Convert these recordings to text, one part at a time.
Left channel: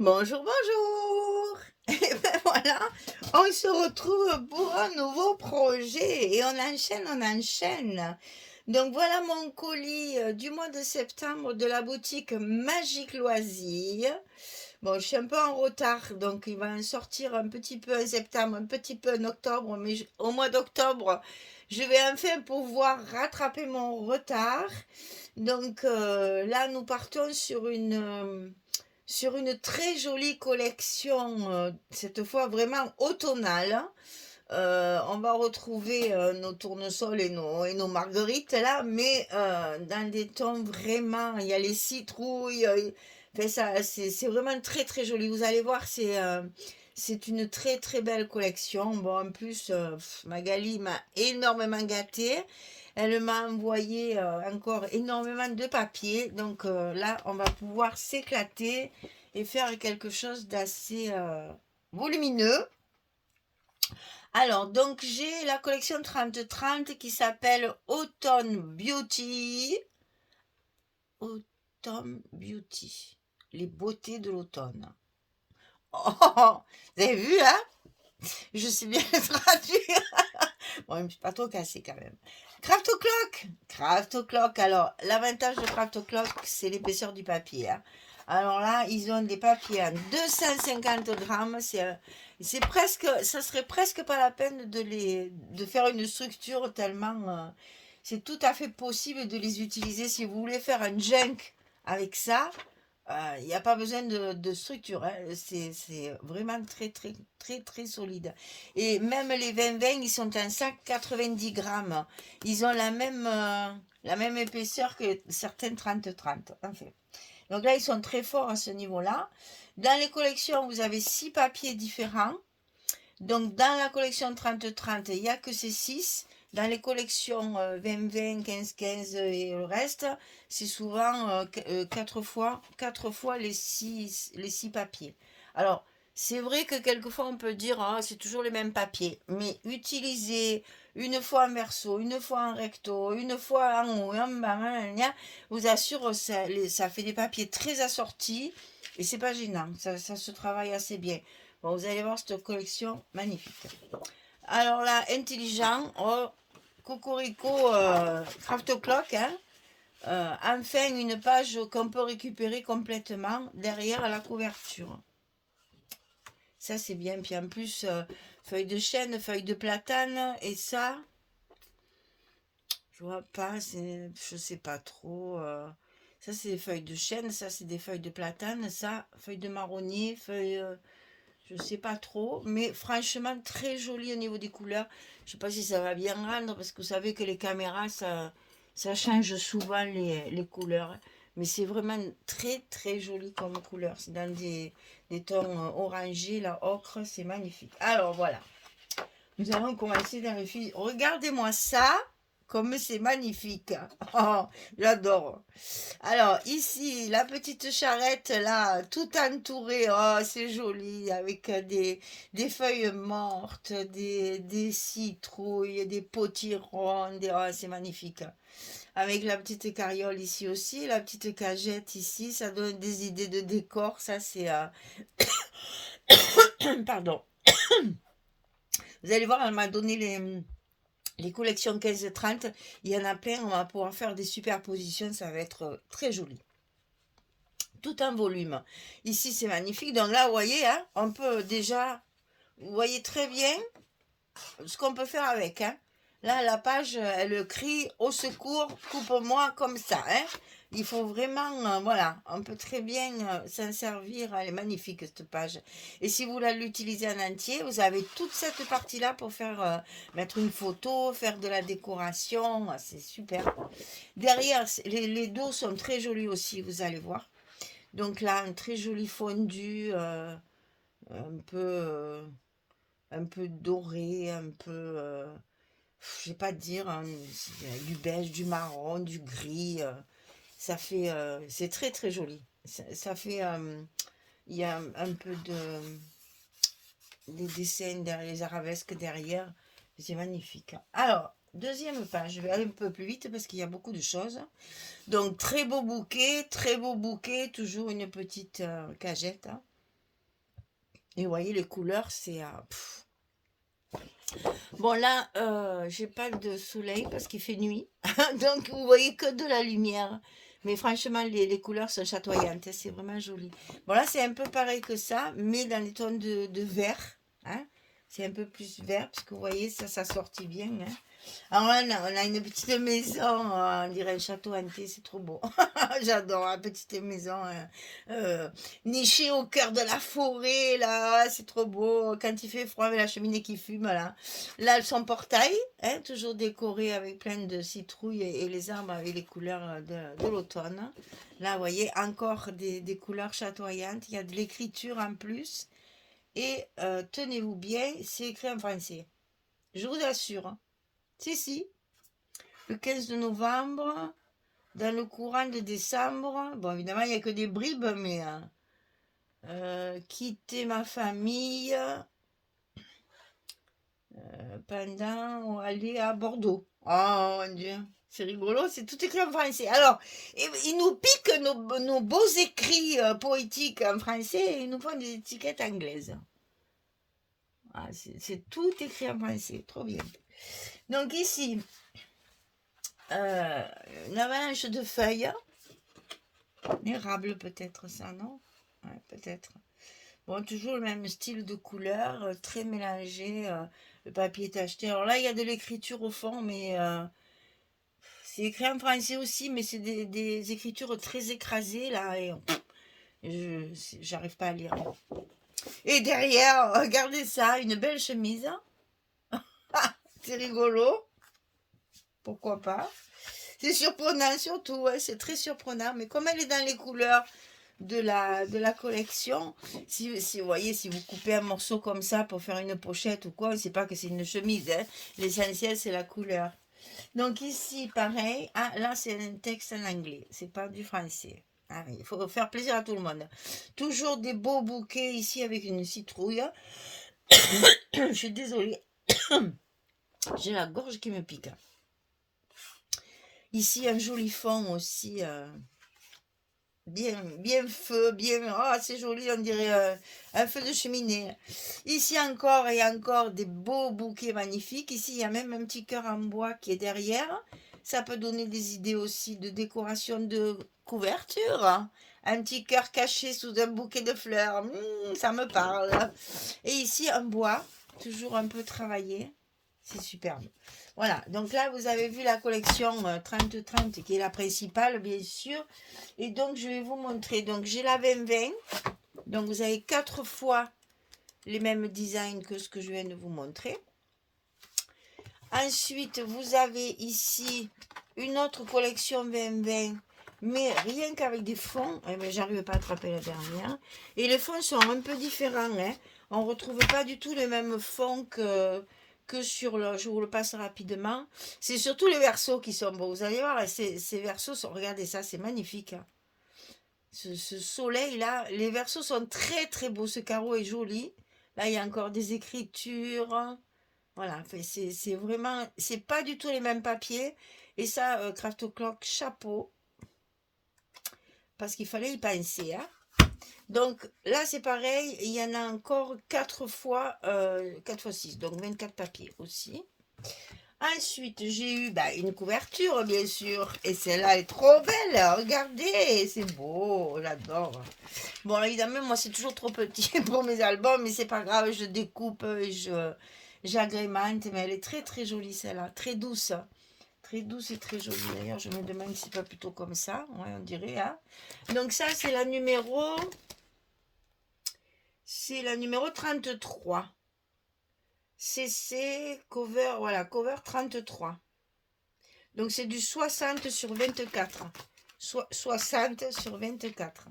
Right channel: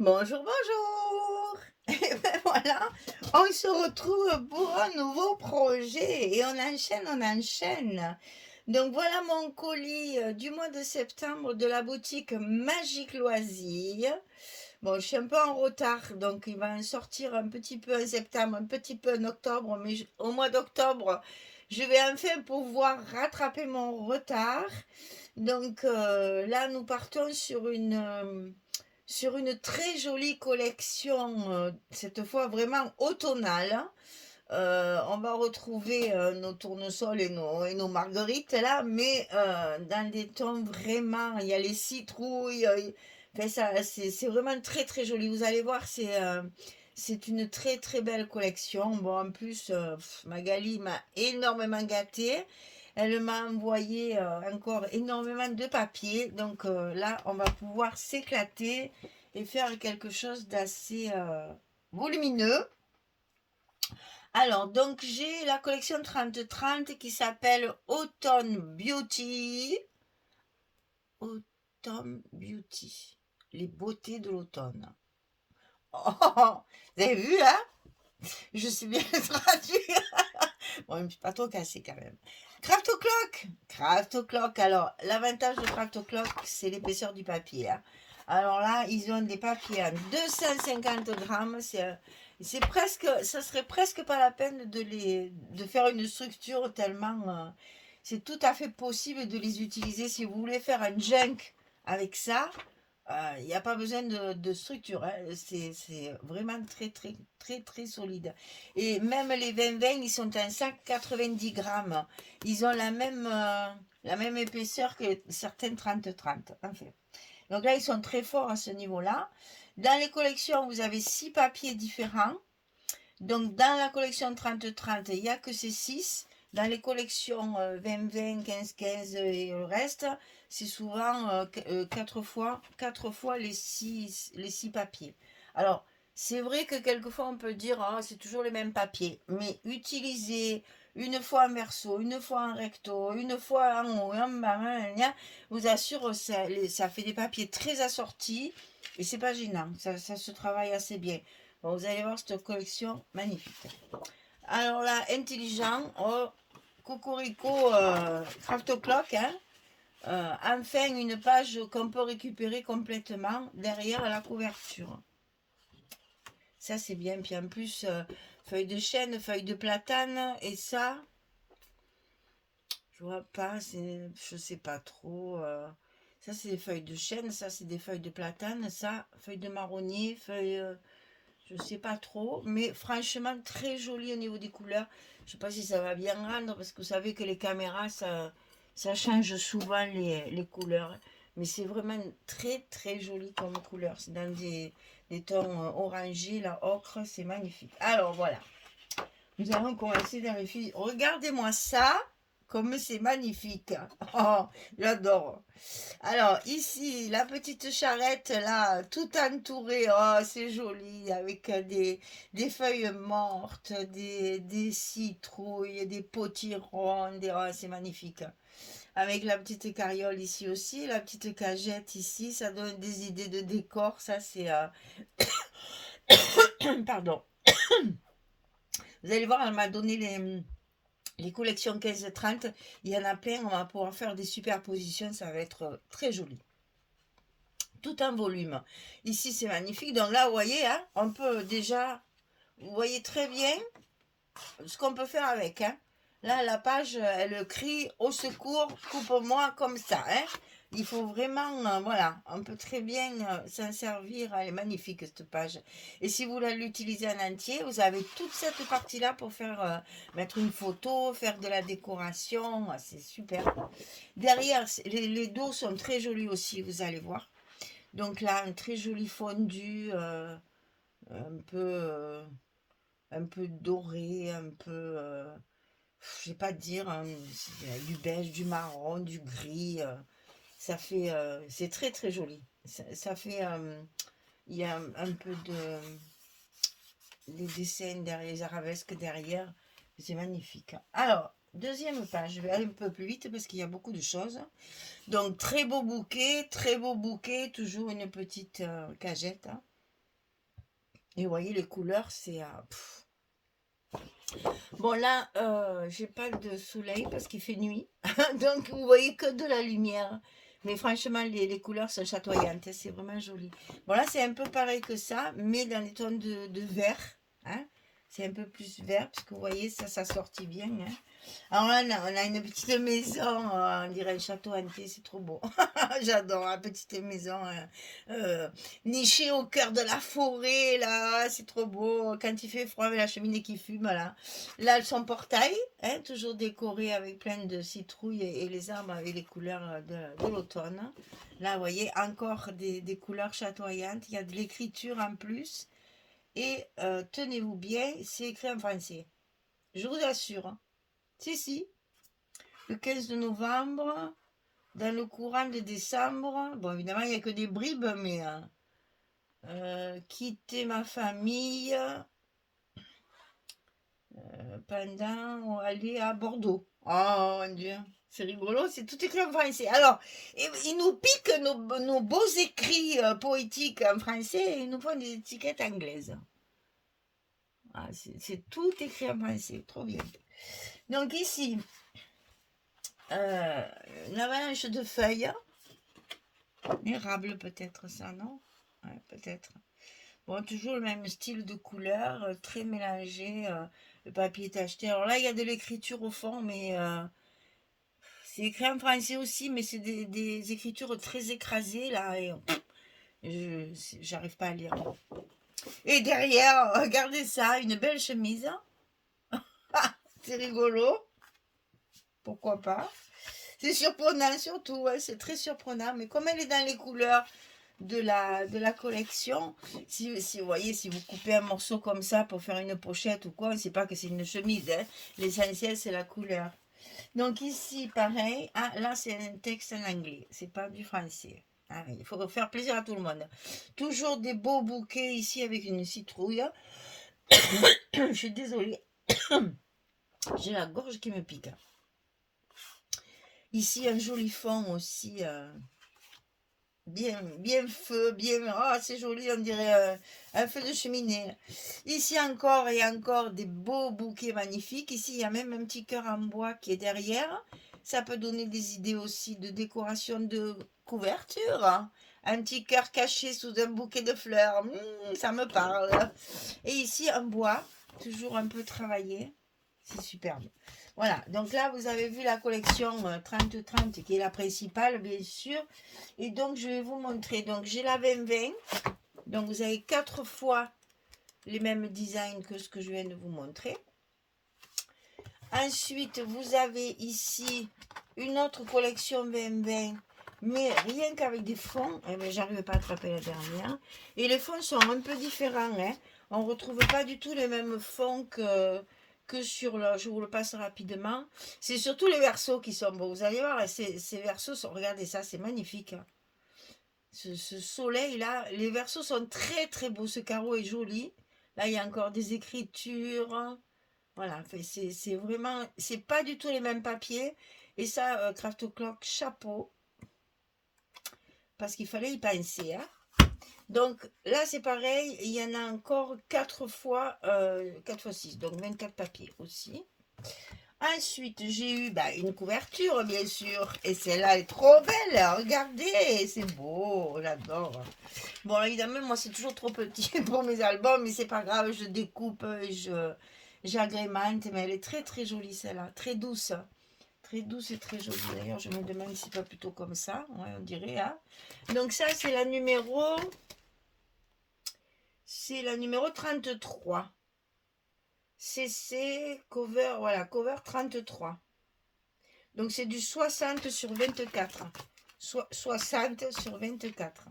Bonjour, bonjour. Et ben voilà, on se retrouve pour un nouveau projet et on enchaîne, on enchaîne. Donc voilà mon colis du mois de septembre de la boutique Magique Loisirs. Bon, je suis un peu en retard, donc il va en sortir un petit peu en septembre, un petit peu en octobre, mais au mois d'octobre, je vais enfin pouvoir rattraper mon retard. Donc là, nous partons sur une très jolie collection, cette fois vraiment automnale. On va retrouver nos tournesols et nos marguerites là, mais dans des tons vraiment, il y a les citrouilles, enfin, ça, c'est vraiment très très joli. Vous allez voir, c'est une très très belle collection. Bon, en plus, Magali m'a énormément gâtée. Elle m'a envoyé encore énormément de papier. Donc là, on va pouvoir s'éclater et faire quelque chose d'assez volumineux. Alors, donc j'ai la collection 30-30 qui s'appelle Autumn Beauty. Autumn Beauty. Les beautés de l'automne. Oh, vous avez vu, hein? Je sais bien le traduire. Bon, je ne suis pas trop cassée quand même. Craft O'Clock. Craft O'Clock. Alors, l'avantage de Craft O'Clock, c'est l'épaisseur du papier, hein. Alors là, ils ont des papiers à 250 grammes. C'est presque, ça serait presque pas la peine de faire une structure tellement. C'est tout à fait possible de les utiliser si vous voulez faire un junk avec ça. Il n'y a pas besoin de structure, hein. C'est vraiment très, très, très, très solide. Et même les 20-20, ils sont un sac 90 grammes. Ils ont la même épaisseur que certaines 30-30, en fait. Donc là, ils sont très forts à ce niveau-là. Dans les collections, vous avez 6 papiers différents. Donc, dans la collection 30-30, il n'y a que ces 6. Dans les collections 20-20, 15-15 et le reste, c'est souvent 4 fois les six papiers. Alors, c'est vrai que quelquefois on peut dire, ah, c'est toujours les mêmes papiers, mais utiliser une fois en verso, une fois en recto, une fois en haut, en bas, vous assure, ça fait des papiers très assortis et c'est pas gênant, ça se travaille assez bien. Bon, vous allez voir cette collection magnifique. Alors là, intelligent, oh, Cocorico Craft Clock, hein. Enfin, une page qu'on peut récupérer complètement derrière la couverture. Ça, c'est bien. Puis en plus, feuille de chêne, feuille de platane, et ça, je vois pas, je sais pas trop. Ça, c'est des feuilles de chêne, ça, c'est des feuilles de platane, ça, feuilles de marronnier, feuilles. Je sais pas trop, mais franchement très joli au niveau des couleurs. Je sais pas si ça va bien rendre parce que vous savez que les caméras ça change souvent les couleurs. Mais c'est vraiment très très joli comme couleur. C'est dans des tons orangés, la ocre, c'est magnifique. Alors voilà, nous allons commencer dans le fil. Regardez-moi ça, comme c'est magnifique. Oh, j'adore. Alors, ici, la petite charrette, là, tout entourée, oh, c'est joli, avec des feuilles mortes, des citrouilles, des potirons, oh, c'est magnifique. Avec la petite carriole ici aussi, la petite cagette ici, ça donne des idées de décor, ça c'est... Pardon. Vous allez voir, elle m'a donné les collections 15-30, il y en a plein, on va pouvoir faire des superpositions, ça va être très joli. Tout en volume. Ici, c'est magnifique. Donc là, vous voyez, hein, on peut déjà, vous voyez très bien ce qu'on peut faire avec, hein. Là, la page, elle crie au secours, coupe-moi comme ça, hein. Il faut vraiment, voilà, on peut très bien s'en servir. Elle est magnifique, cette page. Et si vous voulez l'utiliser en entier, vous avez toute cette partie-là pour faire mettre une photo, faire de la décoration. C'est super. Derrière, les dos sont très jolis aussi, vous allez voir. Donc là, un très joli fondu, un peu, un peu doré, un peu, je sais pas dire, hein, du beige, du marron, du gris. Ça fait, c'est très très joli. Ça fait, il y a un peu des dessins derrière, les arabesques derrière. C'est magnifique. Alors, deuxième page, je vais aller un peu plus vite parce qu'il y a beaucoup de choses. Donc, très beau bouquet, toujours une petite cagette, hein. Et vous voyez, les couleurs, c'est... Bon, là, j'ai pas de soleil parce qu'il fait nuit. Donc, vous voyez que de la lumière. Mais franchement, les couleurs sont chatoyantes, hein, c'est vraiment joli. Bon, là, c'est un peu pareil que ça, mais dans les tons de vert, hein. C'est un peu plus vert, parce que vous voyez, ça sortit bien, hein. Alors là, on a une petite maison, on dirait un château hanté, c'est trop beau. J'adore la petite maison nichée au cœur de la forêt, là, c'est trop beau. Quand il fait froid avec la cheminée qui fume, là. Là, son portail, hein, toujours décoré avec plein de citrouilles et les arbres avec les couleurs de l'automne. Là, vous voyez, encore des couleurs chatoyantes. Il y a de l'écriture en plus. Et tenez-vous bien, c'est écrit en français. Je vous assure, hein. Si, si, le 15 de novembre, dans le courant de décembre, bon, évidemment, il n'y a que des bribes, mais quitter ma famille pendant aller à Bordeaux. Oh mon Dieu, c'est rigolo, c'est tout écrit en français. Alors, ils nous piquent nos beaux écrits poétiques en français et ils nous font des étiquettes anglaises. Ah, c'est tout écrit en français, trop bien. Donc ici, une avalanche de feuilles. Érable peut-être ça, non? Ouais, peut-être. Bon, toujours le même style de couleur, très mélangé. Le papier est acheté. Alors là, il y a de l'écriture au fond, mais c'est écrit en français aussi, mais c'est des écritures très écrasées, là. Et j'arrive pas à lire. Et derrière, regardez ça, une belle chemise. Ah, c'est rigolo. Pourquoi pas? C'est surprenant surtout, ouais, c'est très surprenant. Mais comme elle est dans les couleurs de la collection, si vous voyez, si vous coupez un morceau comme ça pour faire une pochette ou quoi, on ne sait pas que c'est une chemise, hein. L'essentiel, c'est la couleur. Donc ici, pareil. Ah, là, c'est un texte en anglais. C'est pas du français. Ah, il faut faire plaisir à tout le monde. Toujours des beaux bouquets ici avec une citrouille. Je suis désolée. J'ai la gorge qui me pique. Ici, un joli fond aussi. Bien, bien feu, bien. Ah, c'est joli, on dirait un feu de cheminée. Ici encore et encore des beaux bouquets magnifiques. Ici, il y a même un petit cœur en bois qui est derrière. Ça peut donner des idées aussi de décoration de couverture, hein. Un petit cœur caché sous un bouquet de fleurs. Ça me parle. Et ici, un bois, toujours un peu travaillé. C'est superbe. Voilà, donc là, vous avez vu la collection 30-30 qui est la principale, bien sûr. Et donc, je vais vous montrer. Donc, j'ai la 20-20. Donc, vous avez 4 fois les mêmes designs que ce que je viens de vous montrer. Ensuite, vous avez ici une autre collection 20-20, mais rien qu'avec des fonds. Eh bien, j'arrive pas à attraper la dernière. Et les fonds sont un peu différents, hein. On ne retrouve pas du tout les mêmes fonds que sur le... Je vous le passe rapidement. C'est surtout les versos qui sont beaux. Vous allez voir, ces versos sont... Regardez ça, c'est magnifique, hein. Ce soleil-là, les versos sont très très beaux. Ce carreau est joli. Là, il y a encore des écritures. Voilà, enfin, c'est vraiment... C'est pas du tout les mêmes papiers. Et ça, Craft Clock, chapeau. Parce qu'il fallait y penser, hein. Donc là, c'est pareil. Il y en a encore 4 fois, 4 fois 6. Donc 24 papiers aussi. Ensuite, j'ai eu une couverture, bien sûr. Et celle-là est trop belle. Regardez, c'est beau. J'adore. Bon, évidemment, moi, c'est toujours trop petit pour mes albums. Mais c'est pas grave. Je découpe, j'agrémente. Mais elle est très, très jolie, celle-là. Très douce. Très douce et très jolie. D'ailleurs, je me demande si c'est pas plutôt comme ça. Ouais, on dirait, hein. Donc ça, c'est la numéro... C'est la numéro 33. CC cover, voilà, cover 33. Donc c'est du 60 sur 24. 60 sur 24.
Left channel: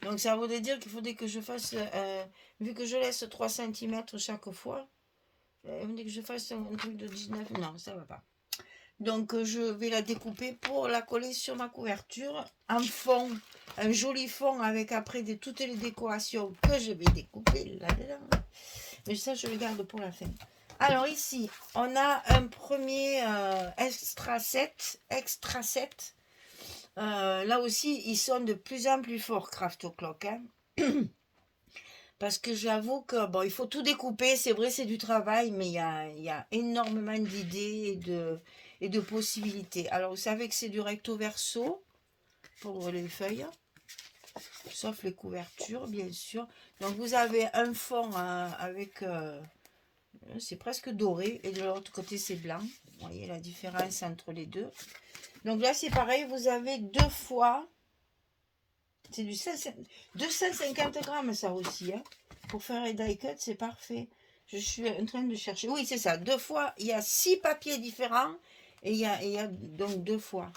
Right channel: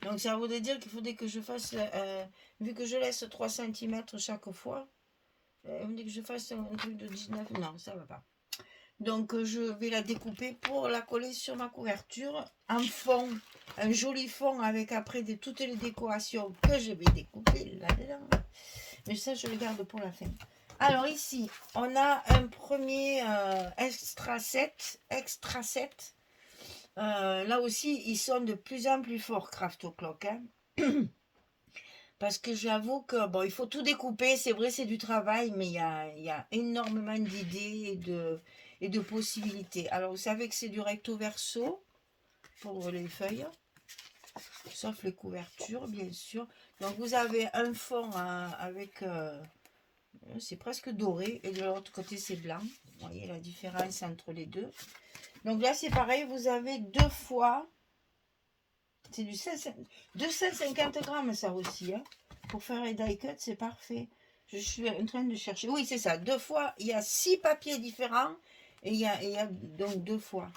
Donc ça voudrait dire qu'il faudrait que je fasse, vu que je laisse 3 cm chaque fois, il faudrait que je fasse un truc de 19. Non, ça va pas. Donc je vais la découper pour la coller sur ma couverture en fond, un joli fond avec après toutes les décorations que je vais découper là-dedans. Mais ça, je le garde pour la fin. Alors ici, on a un premier extra set. Extra set. Là aussi, ils sont de plus en plus forts, Craft Clock, hein. Parce que j'avoue que, bon, il faut tout découper, c'est vrai, c'est du travail, mais il y a énormément d'idées et de possibilités. Alors, vous savez que c'est du recto verso pour les feuilles, sauf les couvertures, bien sûr. Donc, vous avez un fond avec, c'est presque doré, et de l'autre côté, c'est blanc. Vous voyez la différence entre les deux. Donc là, c'est pareil, vous avez deux fois, c'est du 250 grammes, ça aussi, hein. Pour faire les die cuts, c'est parfait. Je suis en train de chercher. Oui, c'est ça. Deux fois, il y a 6 papiers différents. Et il y a donc deux fois.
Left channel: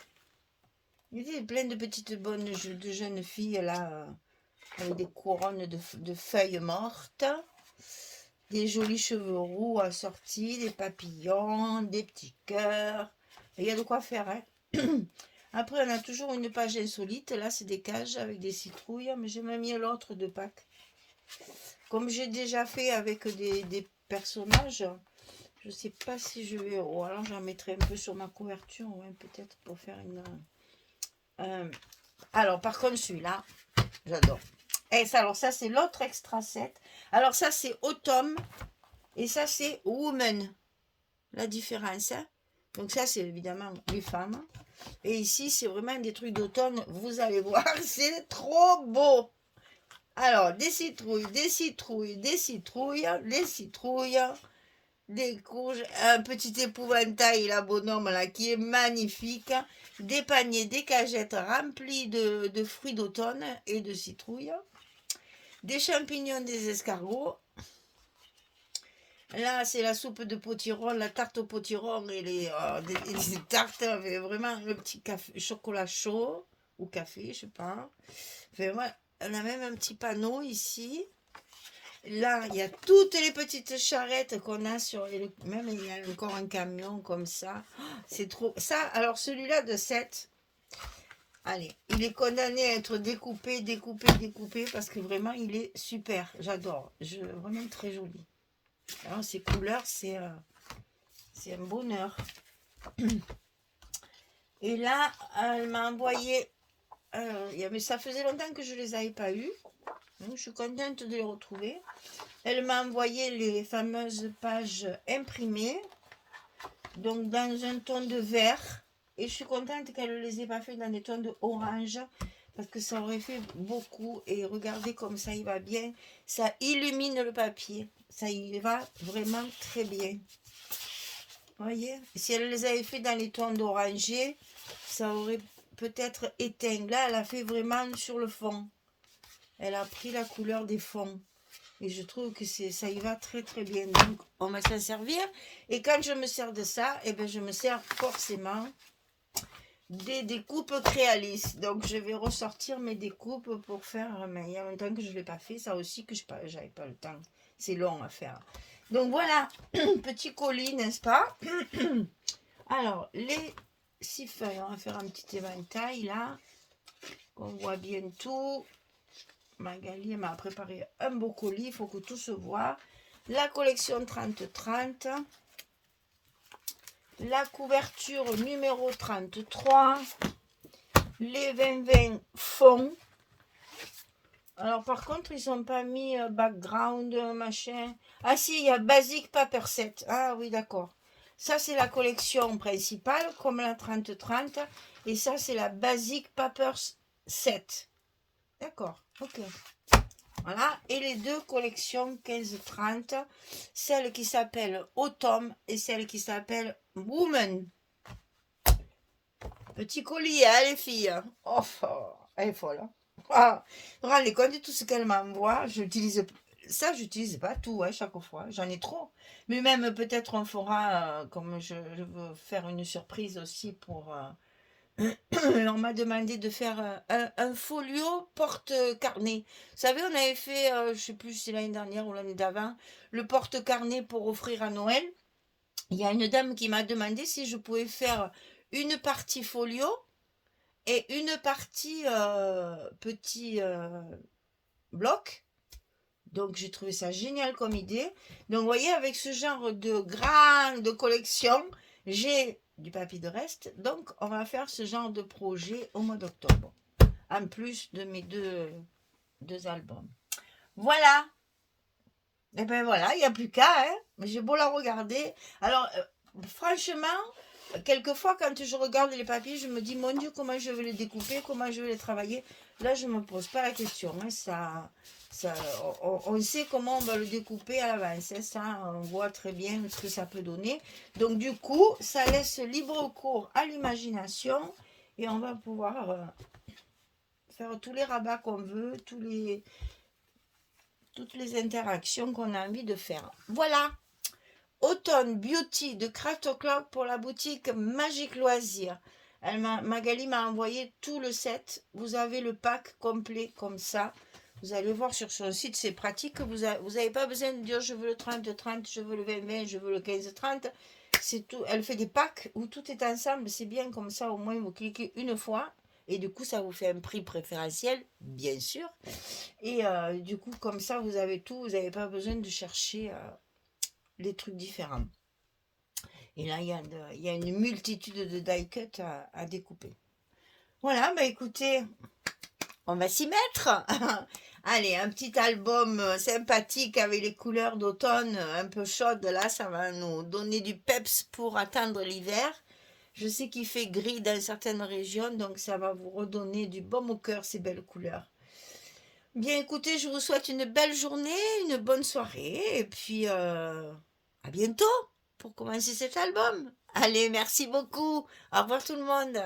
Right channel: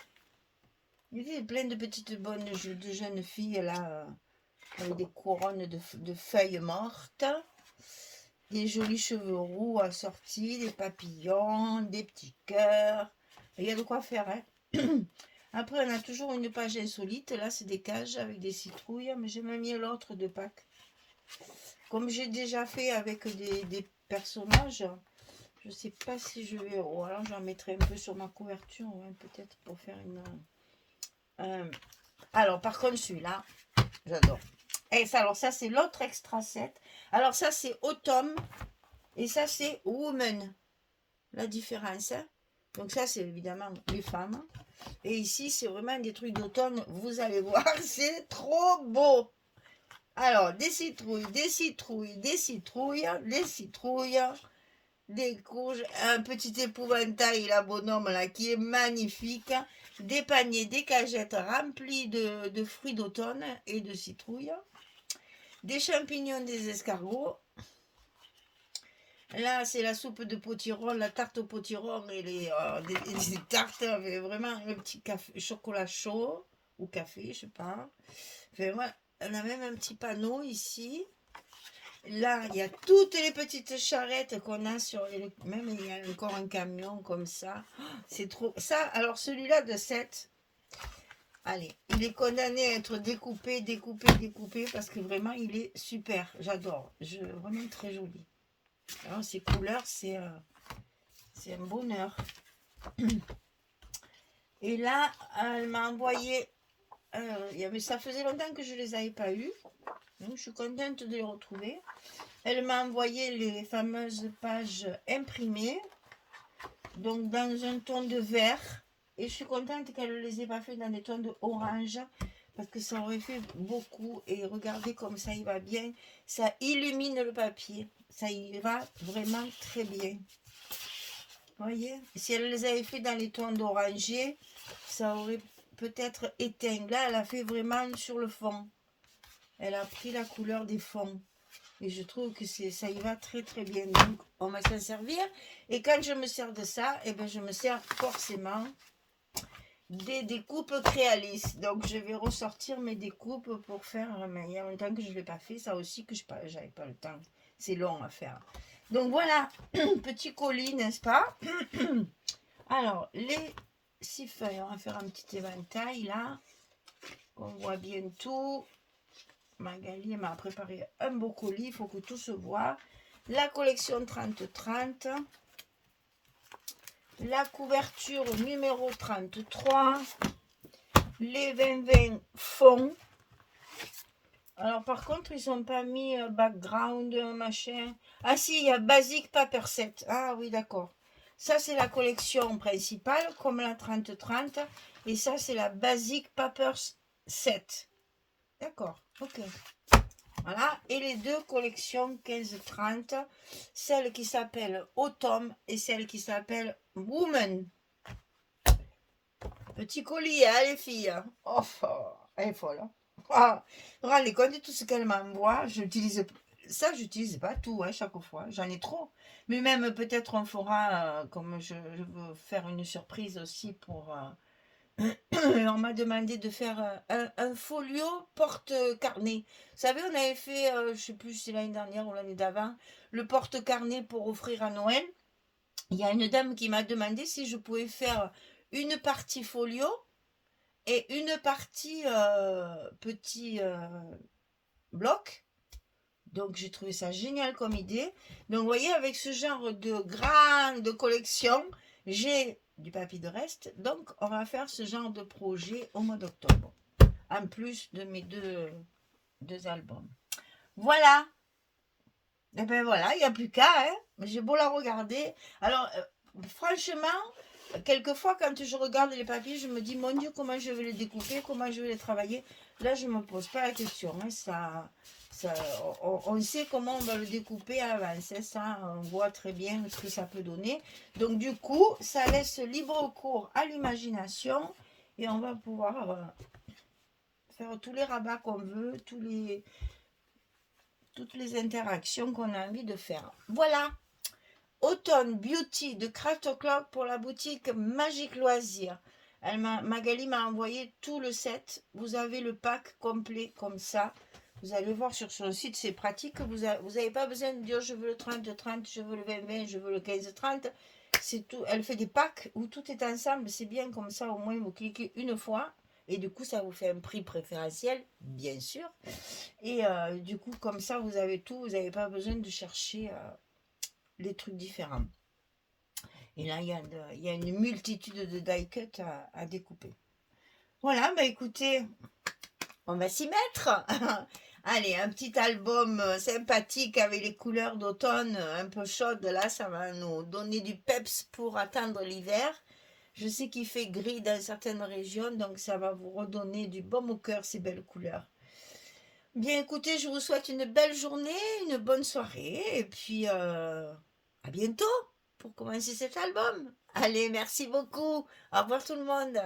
Il y a plein de petites bonnes de jeunes filles là, avec des couronnes de feuilles mortes. Des jolis cheveux roux assortis, des papillons, des petits cœurs. Il y a de quoi faire, hein. Après, on a toujours une page insolite. Là, c'est des cages avec des citrouilles. Mais j'ai même mis l'autre de Pâques. Comme j'ai déjà fait avec des personnages, je ne sais pas si je vais... Ou alors j'en mettrai un peu sur ma couverture, ouais, peut-être pour faire une... alors, par contre, celui-là, j'adore. Et ça, alors ça, c'est l'autre extra set. Alors ça, c'est Autumn. Et ça, c'est Woman. La différence, hein. Donc ça, c'est évidemment les femmes. Et ici, c'est vraiment des trucs d'automne. Vous allez voir, c'est trop beau. Alors, des citrouilles, des citrouilles, des citrouilles, des citrouilles, des courges, un petit épouvantail, là, bonhomme, là, qui est magnifique. Des paniers, des cagettes remplies de fruits d'automne et de citrouilles. Des champignons, des escargots. Là, c'est la soupe de potiron, la tarte au potiron et les tartes avec vraiment le petit café, chocolat chaud ou café, je sais pas. Vraiment, on a même un petit panneau ici. Là, il y a toutes les petites charrettes qu'on a sur même il y a encore un camion comme ça. C'est trop. Ça, alors celui-là de 7. Allez, il est condamné à être découpé, découpé, découpé parce que vraiment, il est super. J'adore. Vraiment très joli. Alors, ces couleurs, c'est un bonheur. Et là, elle m'a envoyé... mais ça faisait longtemps que je ne les avais pas eues. Donc, je suis contente de les retrouver. Elle m'a envoyé les fameuses pages imprimées. Donc, dans un ton de vert. Et je suis contente qu'elle ne les ait pas fait dans des tons de orange. Parce que ça aurait fait beaucoup. Et regardez comme ça, il va bien. Ça illumine le papier. Ça y va vraiment très bien. Vous voyez, si elle les avait fait dans les tons d'oranger, ça aurait peut-être éteint. Là, elle a fait vraiment sur le fond. Elle a pris la couleur des fonds. Et je trouve que ça y va très très bien. Donc, on va s'en servir. Et quand je me sers de ça, eh bien, je me sers forcément des découpes Créalis. Donc, je vais ressortir mes découpes pour faire... Il y a longtemps que je ne l'ai pas fait. Ça aussi, que je n'avais pas le temps. C'est long à faire. Donc, voilà. Petit colis, n'est-ce pas? Alors, les 6 feuilles. On va faire un petit éventail, là. On voit bien tout. Magali m'a préparé un beau colis, il faut que tout se voit. La collection 30-30. La couverture numéro 33. Les 20-20 fonds. Alors par contre, ils n'ont pas mis background, machin. Ah si, il y a Basic Paper Set. Ah oui, d'accord. Ça, c'est la collection principale, comme la 30-30. Et ça, c'est la Basic Paper Set. D'accord, ok. Voilà, et les deux collections 15-30, celle qui s'appelle Autumn et celle qui s'appelle Woman. Petit colis, hein, les filles. Oh, elle est folle. Hein. Ah, vous vous rendez compte de tout ce qu'elle m'envoie. J'utilise pas tout, hein, chaque fois. J'en ai trop. Mais même peut-être on fera, comme je veux faire une surprise aussi pour... on m'a demandé de faire un folio porte-carnet. Vous savez, on avait fait, je ne sais plus si c'est l'année dernière ou l'année d'avant, le porte-carnet pour offrir à Noël. Il y a une dame qui m'a demandé si je pouvais faire une partie folio et une partie petit bloc. Donc, j'ai trouvé ça génial comme idée. Donc, vous voyez, avec ce genre de grande collection, j'ai du papier de reste. Donc, on va faire ce genre de projet au mois d'octobre. En plus de mes deux albums. Voilà. Et ben voilà, il n'y a plus qu'à, hein. J'ai beau la regarder. Alors, franchement, quelquefois, quand je regarde les papiers, je me dis, mon Dieu, comment je vais les découper, comment je vais les travailler. Là, je ne me pose pas la question, hein. Ça, on sait comment on va le découper à l'avance, hein. Ça, on voit très bien ce que ça peut donner. Donc, du coup, ça laisse libre cours à l'imagination et on va pouvoir faire tous les rabats qu'on veut, toutes les interactions qu'on a envie de faire. Voilà, Automne Beauty de Craft O'Clock pour la boutique Magique Loisirs. Magali m'a envoyé tout le set. Vous avez le pack complet comme ça. Vous allez voir sur son site, c'est pratique. Vous n'avez pas besoin de dire je veux le 30-30, je veux le 20-20, je veux le 15-30. C'est tout. Elle fait des packs où tout est ensemble. C'est bien comme ça, au moins vous cliquez une fois. Et du coup, ça vous fait un prix préférentiel, bien sûr. Et du coup, comme ça, vous avez tout. Vous n'avez pas besoin de chercher les trucs différents. Et là, il y a une multitude de die cuts à découper. Voilà, bah écoutez, on va s'y mettre. Allez, un petit album sympathique avec les couleurs d'automne un peu chaudes. Là, ça va nous donner du peps pour attendre l'hiver. Je sais qu'il fait gris dans certaines régions, donc ça va vous redonner du baume au cœur, ces belles couleurs. Bien, écoutez, je vous souhaite une belle journée, une bonne soirée, et puis à bientôt pour commencer cet album. Allez, merci beaucoup. Au revoir tout le monde.